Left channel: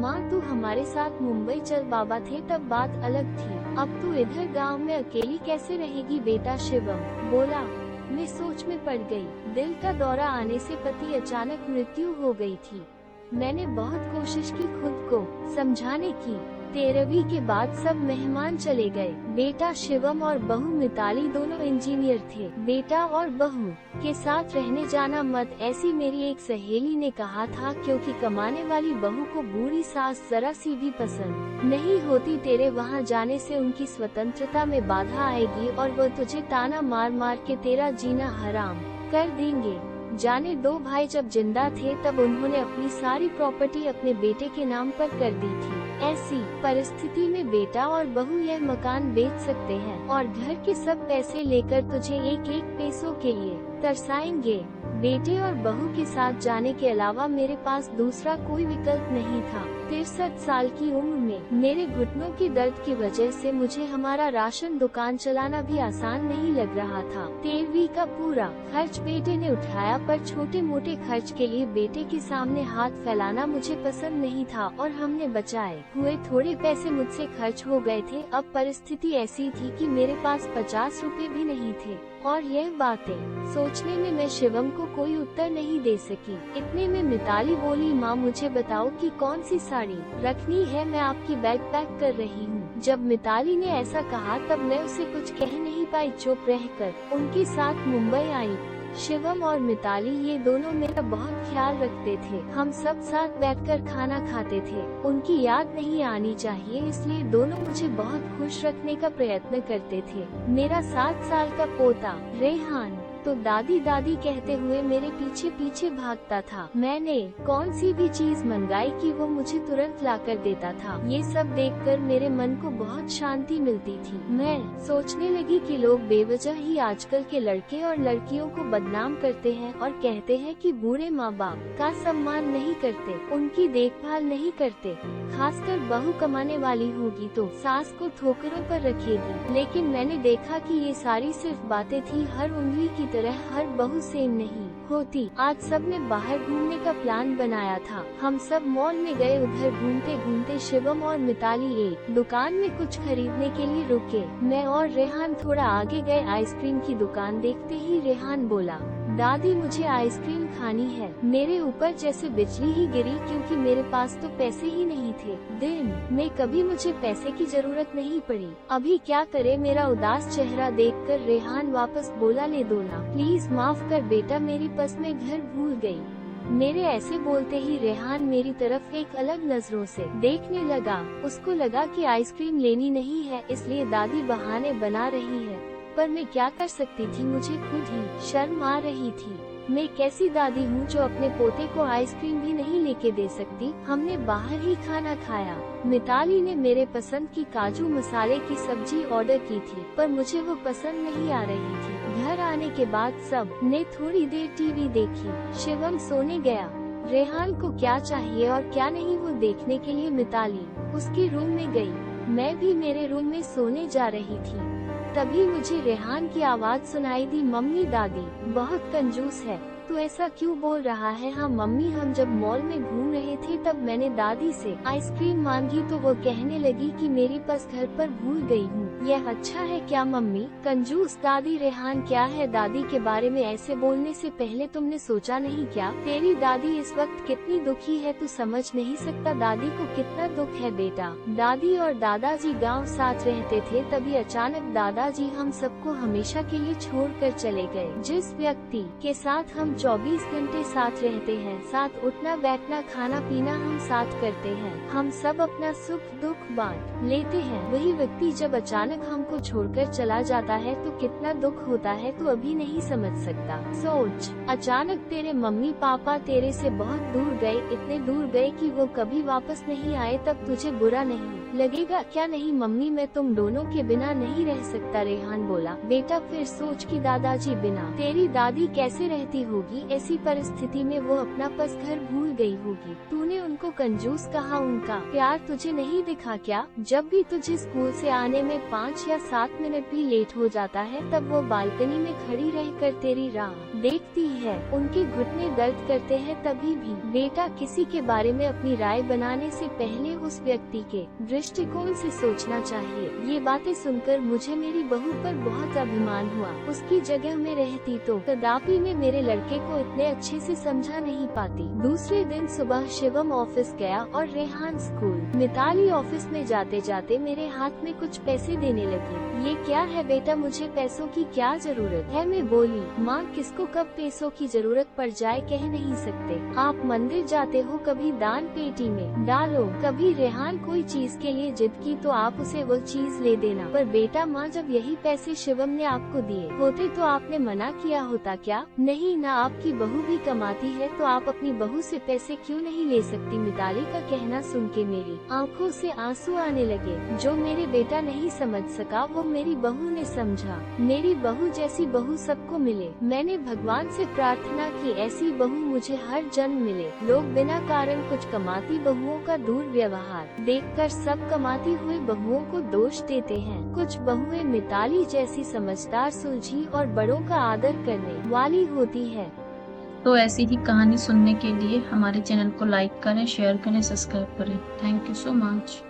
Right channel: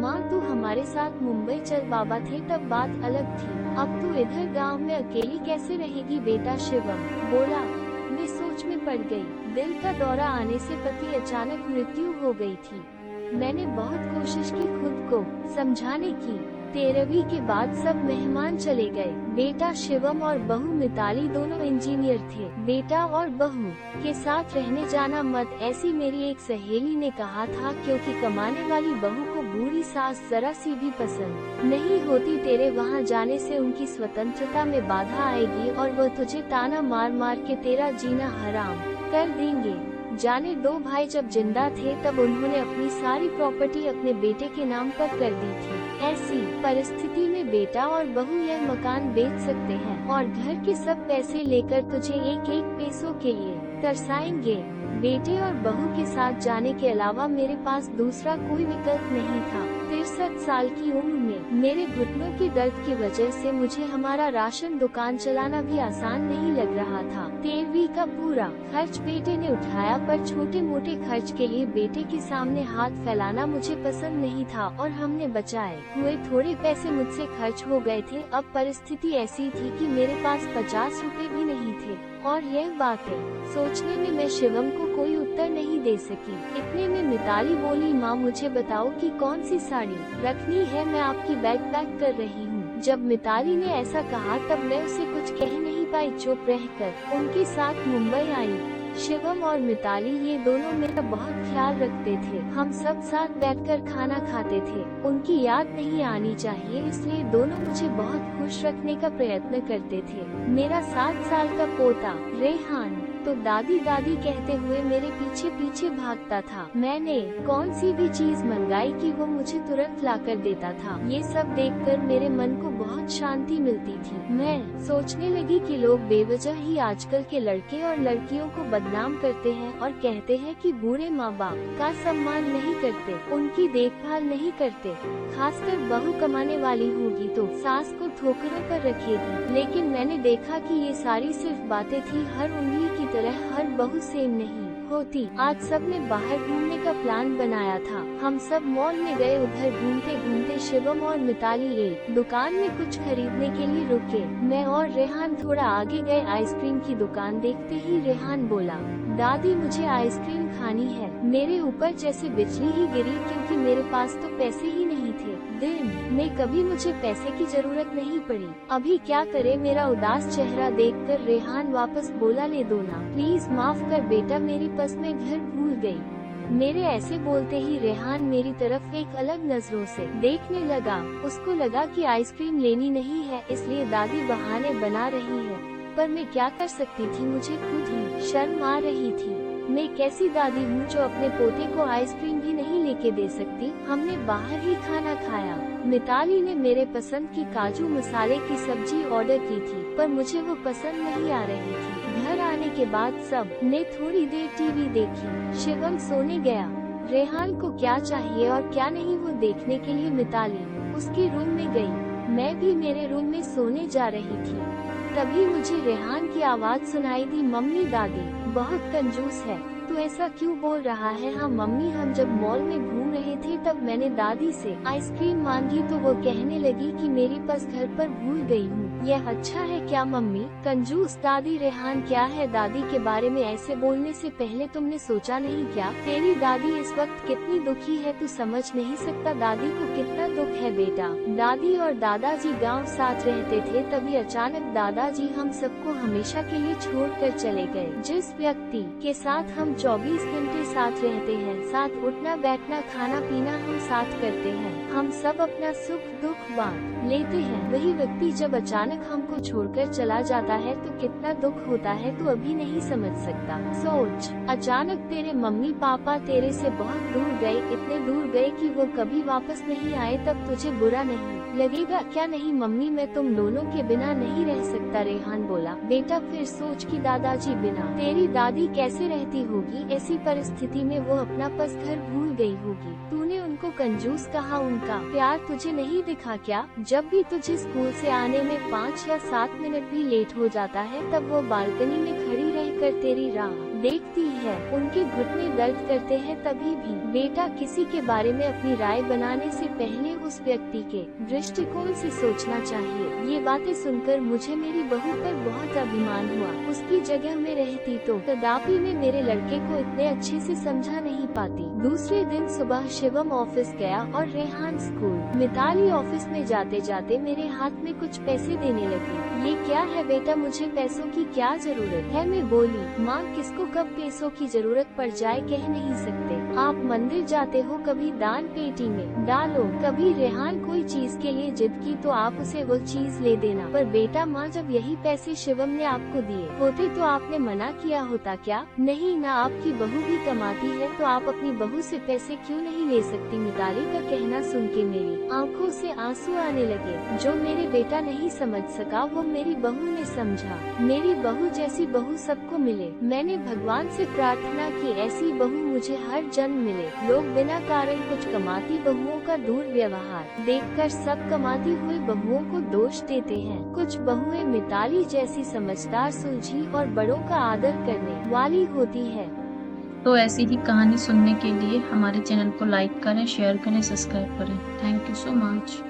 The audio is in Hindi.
माँ तू हमारे साथ मुंबई चल, बाबा थे तब बात अलग थी, अब तू इधर गांव में अकेली कैसे रहेगी बेटा, शिवम बोला। मैं सोच में पड़ गई। दिल का दौरा आने से पति अचानक मृत्यु हो गई थी। मैंने बहुत कोशिश की खुद को समझाने की। 13वीं के बाद सब मेहमान चले गए। बेटा शिवम और बहू मिताली दोनों इंजीनियर थे। बेटा और बहू के साथ रहने जाना मत, ऐसी मेरी एक सहेली ने कहा था, क्योंकि कमाने वाली बहू को बुरी सास जरा सी भी पसंद नहीं होती। तेरे वहाँ जाने से उनकी स्वतंत्रता में बाधा आएगी और मैं तुझे ताना मार के कर देंगे। जाने दो भाई जब जिंदा थे तब उन्होंने अपनी सारी प्रॉपर्टी अपने बेटे के नाम पर कर दी थी। ऐसी परिस्थिति में बेटा और बहू यह मकान बेच सकते हैं और घर के सब पैसे लेकर तुझे एक एक पैसों के लिए तरसाएंगे। बेटे और बहू के साथ जाने के अलावा मेरे पास दूसरा कोई विकल्प नहीं था। 63 साल की उम्र में मेरे घुटनों के दर्द की वजह से मुझे हमारा राशन दुकान चलाना भी आसान नहीं लग रहा था। 13वीं का पूरा खर्च बेटे ने उठाया, पर छोटे मोटे खर्च के लिए बेटे के सामने हाथ फैलाना मुझे पसंद नहीं था और हमने बचाए हुए थोड़े पैसे मुझसे खर्च हो गए थे। अब परिस्थिति ऐसी थी कि मेरे पास 50 रुपए भी नहीं थे और यह बातें सोचने में मैं शिवम को कोई उत्तर नहीं दे सकी। इतने में मिताली बोली, माँ मुझे बताओ कि कौन सी साड़ी रखनी है, मैं आपकी बैग पैक कर रही हूँ। जब मिताली ने ऐसा कहा तब मैं उसे कुछ कह नहीं पाई, चुप रहकर उनके साथ मुंबई आई। शिवम और मिताली ये दोनों मेरा बहुत ख्याल रखते थे। हम सब साथ बैठकर खाना खाते थे। उनकी याद नहीं आनी चाहिए, इसलिए दोनों मुझे बहुत खुश रखने का प्रयत्न करते थे। मेरा 7 साल का पोता रेहान तो दादी दादी कहते हुए मेरे पीछे पीछे भागता था। मैंने कौन सी भी चीज मंगाई कि वो मुझे तुरंत लाकर देता था। ये सब देखकर मेरे मन को बहुत शांति मिलती थी। मैं सोचने लगी कि लोग बेवजह ही आजकल के लड़के और लड़कियों को बदनाम करते हैं और कहते हैं कि बूढ़े माँ बाप का सम्मान नहीं करते, उनकी देखभाल नहीं करते। खासकर बहू कमाने वाली होगी तो सास को ठोकरों पर रखेगी। लेकिन मैंने देखा कि ये सारी सिर्फ बातें थी। हर उंगली की तरह हर बहू सेम नहीं होती। आज सब ने बाहर घूमने का प्लान बनाया था। हम सब मॉल में गए। उधर घूमते घूमते शिवम और मिताली एक दुकान में कुछ खरीदने के लिए रुके। मैं और रेहान थोड़ा आगे गए। आइसक्रीम की दुकान देखते ही रेहान बोला, दादी मुझे आइसक्रीम खानी है। मेरे ऊपर जैसे बिजली ही गिरी, क्योंकि मेरे पास तो पैसे ही नहीं थे। दिन में कभी मुझे पैसे की जरूरत नहीं पड़ी। अभी क्या करे। मेरा उदास चेहरा देखकर रेहान वापस बोला, ले दो ना प्लीज, माफ कर बेटा, मेरी पर्स में घर भूल गई। मेरे ऐसे बोलते ही रेहान मेरी तरफ एक अलग नजरों से देखने लगा। उसको लगा कि आइसक्रीम लेनी नहीं है, इसलिए दादी बहाने बना रही है। पर मैं क्या कर सकती थी, मुझे खुद ही शर्म आ रही थी। मैं कैसी दादी हूँ जो अपने पोते को आइसक्रीम भी नहीं लेके दे सकती। हमने बाहर ही खाना खाया। मिताली ने मेरे पसंद की काजू मसाले की सब्जी ऑर्डर की थी, पर मुझे वो पसंद नहीं आ रही थी। घर आने के बाद सब ने थोड़ी देर टीवी देखी। शिवम सोने गया। रेहान को क्या चाहिए और क्या नहीं वो देखने के लिए मिताली उसके रूम में गई। मैं भी मेरे रूम में सोने जा रही थी। तभी मुझे रेहान की आवाज सुनाई दी, मम्मी दादी बहुत कंजूस है, तू ऐसा क्यों बोल रहा है। हाँ मम्मी, हम जब मॉल में घूम रहे थे तब मैंने दादी से आइसक्रीम मांगी तो वो कहने लगी कि मेरी पर्स घर पर भूल गई हूँ। यह अच्छा है क्या मम्मी। कंजूस दादी। रेहान क्या है, दादी के बारे में ऐसे बोलने से पहले तुमने सोचा नहीं क्या, तेरी दादी इस वक्त कितनी दुखी है, तू समझ नहीं सकता दादी को कितना दुख है बेटा। दादी और दादाजी गांव साथ रहते थे, तभी अचानक दादाजी हम सबको हमेशा के लिए छोड़कर चले गए। जिस व्यक्ति के साथ हम 24 घंटे साथ रहते हैं, साथ उठना बैठना खाना पीना हम साथ करते हैं, हम सब अपना सुख दुख बांट लेते हैं, वही व्यक्ति जब अचानक हमको छोड़कर चला जाता है तो कितना दुख होता है, तो अभी नहीं समझ सकता। सोच, अचानक तेरे मम्मी पापा तेरे से बहुत दूर गए, इतने दूर गए कि वो कभी वापस नहीं आए, तब तुझे बुरा नहीं लगेगा क्या। नहीं मम्मी, मैं तुम दोनों के बिना नहीं रह सकता, रेहान बोला। बेटा फिर सोच कि दादाजी बिना तेरी दादी कैसे रहती होगी। ऐसी परिस्थिति में वो अपना पर्स घर भूल गई होगी। तूने उनको कंजूस कहा, उनका प्यार तुझे नहीं दिखा क्या। जब भी तुझे स्कूल से आने में 5 या 7 मिनट भी लेट हो जाता है, तब वो बालकनी में खड़ी रहकर तेरी राह देखती है उनके घुटने दर्द करते हैं तभी भी। बेटा, किसी के बारे में अपनी राय बनाने से पहले उस व्यक्ति के दृष्टिकोण से सोचना चाहिए। ये बातें सुनकर मुझे मेरी बहू पर बहुत अभिमान हुआ। उसकी जगह में रहती तो कदापि मैं मेरी लड़की को इतने अच्छे से समझा नहीं पाती। दूसरे दिन सुबह शिवम ऑफिस गया और रेहान स्कूल। मिताली ऑफिस में जाते जाते मेरे हाथ में कुछ पैसे देने लगी। ये क्या है बेटा, मुझे पैसों की क्या जरूरत है? मैं बोली, माँ किसको कब पैसों की जरूरत पड़ जाए कह नहीं सकते। आप मंदिर जाते हो, कभी दान पेटी में डालो। कभी रेहान कोई चीज के लिए जिद की तो आप उसे वो चीज ले देना। पर बेटा माँ, जब यही पैसे शिवम ने आपको दिए होते तो आपने मना किया होता क्या? नहीं ना, आपकी बहू भी कमाती है तो आप अपनी बहू से पैसे क्यों नहीं ले सकती? मिताली का कहना सुन के मेरी आंखों से आंसू आने लगे। जो मेरे बेटा नहीं समझ सका वो मेरी बहू ने समझा। मेरी बहू जैसी बहू सबको मिले। मैंने भगवान से प्रार्थना की ऐसी बहू मुझे हर जन्म मिले। लोग बिना कारण कुछ कमाती बहुओं का दुर्व्यवहार देखकर सब कमाती हुई बहुओं को दोष देते हैं। कुछ बहुएं मिताली जैसी समझदार, सुलझी और बड़ों का आदर करने वाली होती है। तो ऐसी ही कहानी सुनने के लिए हमारे चैनल को लाइक करें, शेयर करें, सब्सक्राइब करें। Thank you so much.